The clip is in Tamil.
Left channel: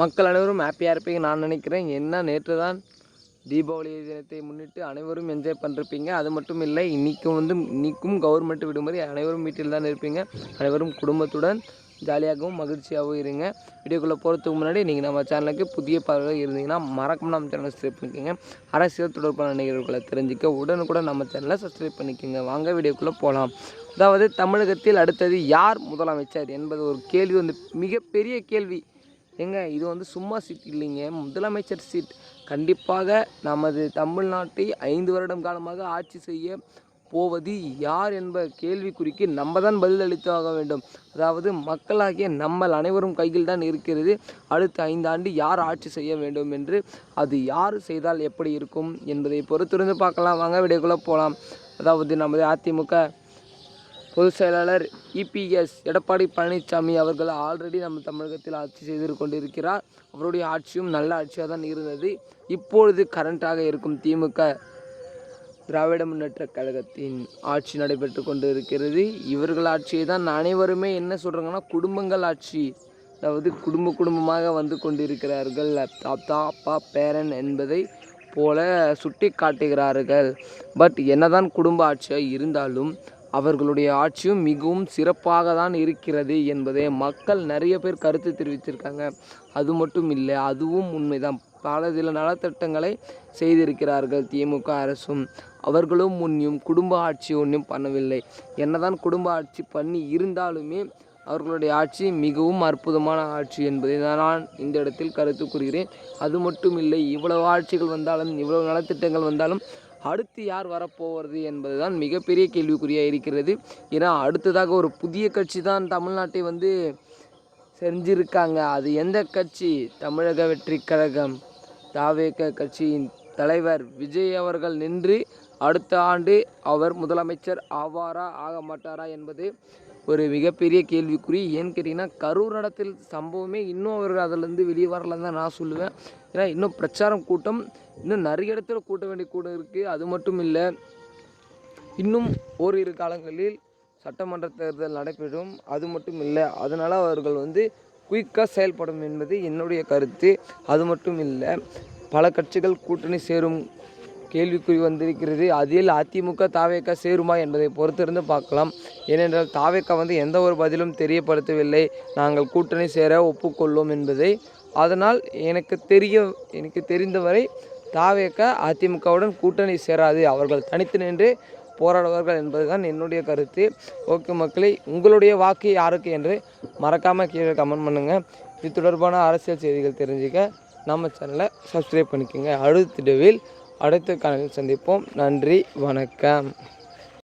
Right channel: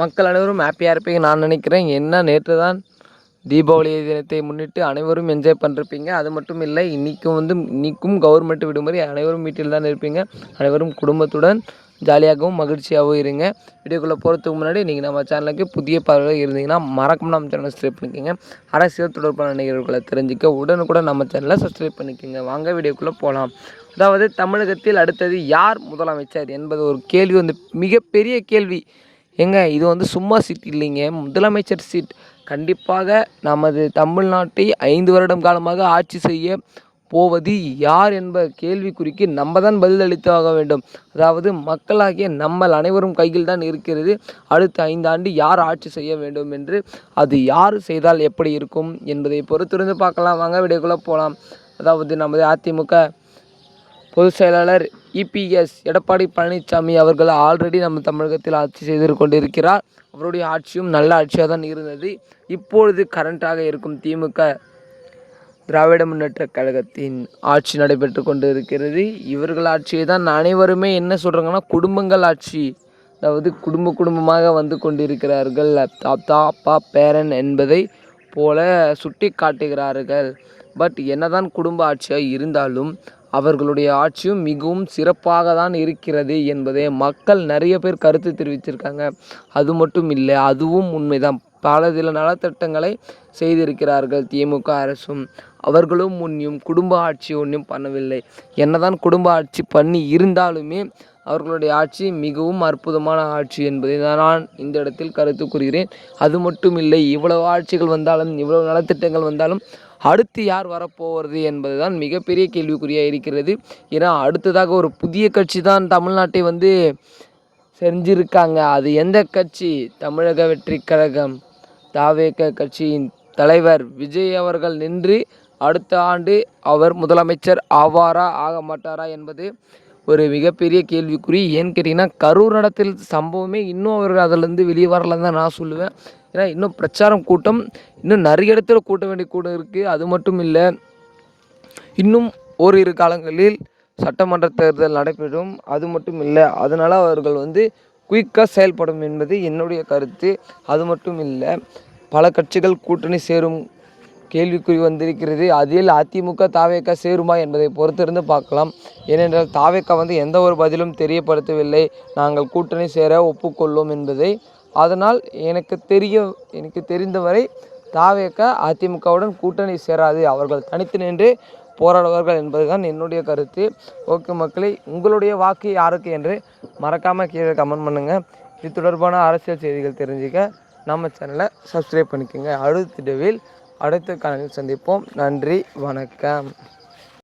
மக்கள் அனைவரும் ஹாப்பியாக இருப்பீங்க நான் நினைக்கிறேன். என்ன நேற்று தான் தீபாவளி தினத்தை முன்னிட்டு அனைவரும் என்ஜாய் பண்ணிருப்பீங்க. அது மட்டும் இல்லை, இன்றைக்கும் கவர்மெண்ட் விடுமுறை, அனைவரும் வீட்டில் தான் இருப்பீங்க. அனைவரும் குடும்பத்துடன் ஜாலியாகவும் மகிழ்ச்சியாகவும் இருங்க. வீடியோக்குள்ளே போகிறதுக்கு முன்னாடி நீங்கள் நம்ம சேனலுக்கு புதிய பார்வையாக இருந்தீங்கன்னா மறக்காம நம்ம சேனலை சப்ஸ்கிரைப் பண்ணிக்கோங்க. அரசியல் தொடர்பான நிகழ்வுகளை தெரிஞ்சுக்க உடனுக்குடன் நம்ம சேனலை சப்ஸ்கிரைப் பண்ணிக்கோங்க. வாங்க வீடியோக்குள்ளே போகலாம். அதாவது தமிழகத்தில் அடுத்தது யார் முதலமைச்சர் என்பது ஒரு கேள்வி, மிகப்பெரிய கேள்வி. இது சும்மா சீட் இல்லைங்க, முதலமைச்சர் சீட். கண்டிப்பாக நமது தமிழ்நாட்டை 5 வருடம் காலமாக ஆட்சி செய்ய போவது யார் என்ப கேள்விக்குறிக்கு நம்ம தான் பதில் அளித்தாக வேண்டும். அதாவது மக்களாகிய நம்மள் அனைவரும் கையில் தான் இருக்கிறது. அடுத்த 5 ஆண்டு யார் ஆட்சி செய்ய வேண்டும் என்று, அது யார் செய்தால் எப்படி இருக்கும் என்பதை பொறுத்திருந்து பார்க்கலாம். வாங்க வீடியோக்குள்ளே போகலாம். அதாவது நமது அதிமுக பொதுச் செயலாளர் இபிஎஸ் எடப்பாடி பழனிசாமி அவர்கள் ஆல்ரெடி நம்ம தமிழகத்தில் ஆட்சி செய்து கொண்டிருக்கிறார். அவருடைய ஆட்சியும் நல்ல ஆட்சியாக தான் இருந்தது. இப்பொழுது கரண்டாக இருக்கும் திமுக திராவிட முன்னேற்ற கழகத்தின் ஆட்சி நடைபெற்று கொண்டு இருக்கிறது. இவர்கள் ஆட்சியை தான் அனைவருமே என்ன சொல்கிறாங்கன்னா குடும்பங்கள் ஆட்சி, அதாவது குடும்பமாக வந்து கொண்டிருக்கிறார்கள். தாத்தா அப்பா பேரன் என்பதை போல சுட்டி காட்டுகிறார்கள். பட் என்னதான் குடும்ப ஆட்சியாக இருந்தாலும் அவர்களுடைய ஆட்சியும் மிகவும் சிறப்பாக தான் இருக்கிறது என்பதை மக்கள் நிறைய பேர் கருத்து தெரிவிச்சிருக்காங்க. அது மட்டும் இல்லை, அதுவும் உண்மைதான். சில நலத்திட்டங்களை செய்திருக்கிறார்கள் திமுக அரசும். அவர்களும் முன்னும் குடும்ப ஆட்சி ஒன்றும் பண்ணவில்லை. என்னதான் குடும்ப ஆட்சி பண்ணி இருந்தாலுமே அவர்களுடைய ஆட்சி மிகவும் அற்புதமான ஆட்சி என்பதை நான் இந்த இடத்தில் கருத்து கூறுகிறேன். அது மட்டும் இல்லை, இவ்வளவு ஆட்சிகள் வந்தாலும் இவ்வளவு நலத்திட்டங்கள் வந்தாலும் அடுத்து யார் வரப்போவது என்பது தான் மிகப்பெரிய கேள்விக்குறியாக இருக்கிறது. ஏன்னா அடுத்ததாக ஒரு புதிய கட்சி தான் தமிழ்நாட்டை செஞ்சிருக்காங்க. அது எந்த கட்சி? தமிழக வெற்றி கழகம் தாவேக கட்சியின் தலைவர் விஜய் அவர்கள் நின்று அடுத்த ஆண்டு அவர் முதலமைச்சர் ஆவாரா ஆக மாட்டாரா என்பது ஒரு மிகப்பெரிய கேள்விக்குறி. ஏன்னு கேட்டிங்கன்னா கரூர் நடத்தில் சம்பவமே இன்னும் அவர்கள் அதிலேருந்து வெளியே வரலன்னு தான் நான் சொல்லுவேன். ஏன்னா இன்னும் பிரச்சாரம் கூட்டம் இன்னும் நிறைய இடத்துல கூட்ட வேண்டிய கூட்டம் இருக்குது. அது மட்டும் இல்லை, இன்னும் ஓரிரு காலங்களில் சட்டமன்ற தேர்தல் நடைபெறும். அது மட்டும் இல்லை, அதனால் அவர்கள் குயிக்காக செயல்படும் என்பது என்னுடைய கருத்து. அது மட்டும் இல்லை, பல கட்சிகள் கூட்டணி சேரும் கேள்விக்குறி வந்திருக்கிறது. அதில் அதிமுக தாவேக சேருமா என்பதை பொறுத்திருந்து பார்க்கலாம். ஏனென்றால் தாவேக எந்த ஒரு பதிலும் தெரியப்படுத்தவில்லை, நாங்கள் கூட்டணி சேர ஒப்புக்கொள்ளும் என்பதை. அதனால் எனக்கு தெரிந்தவரை தாவேக அதிமுகவுடன் கூட்டணி சேராது, அவர்கள் தனித்து நின்று போராடுவார்கள் என்பதுதான் என்னுடைய கருத்து. ஓகே மக்களே, உங்களுடைய வாக்கு யாருக்கு என்று மறக்காமல் கீழே கமெண்ட் பண்ணுங்கள். இது தொடர்பான அரசியல் செய்திகள் தெரிஞ்சுக்க நம்ம சேனலை சப்ஸ்கிரைப் பண்ணிக்கோங்க. அடுத்த காணொளியில் சந்திப்போம். நன்றி, வணக்கம்.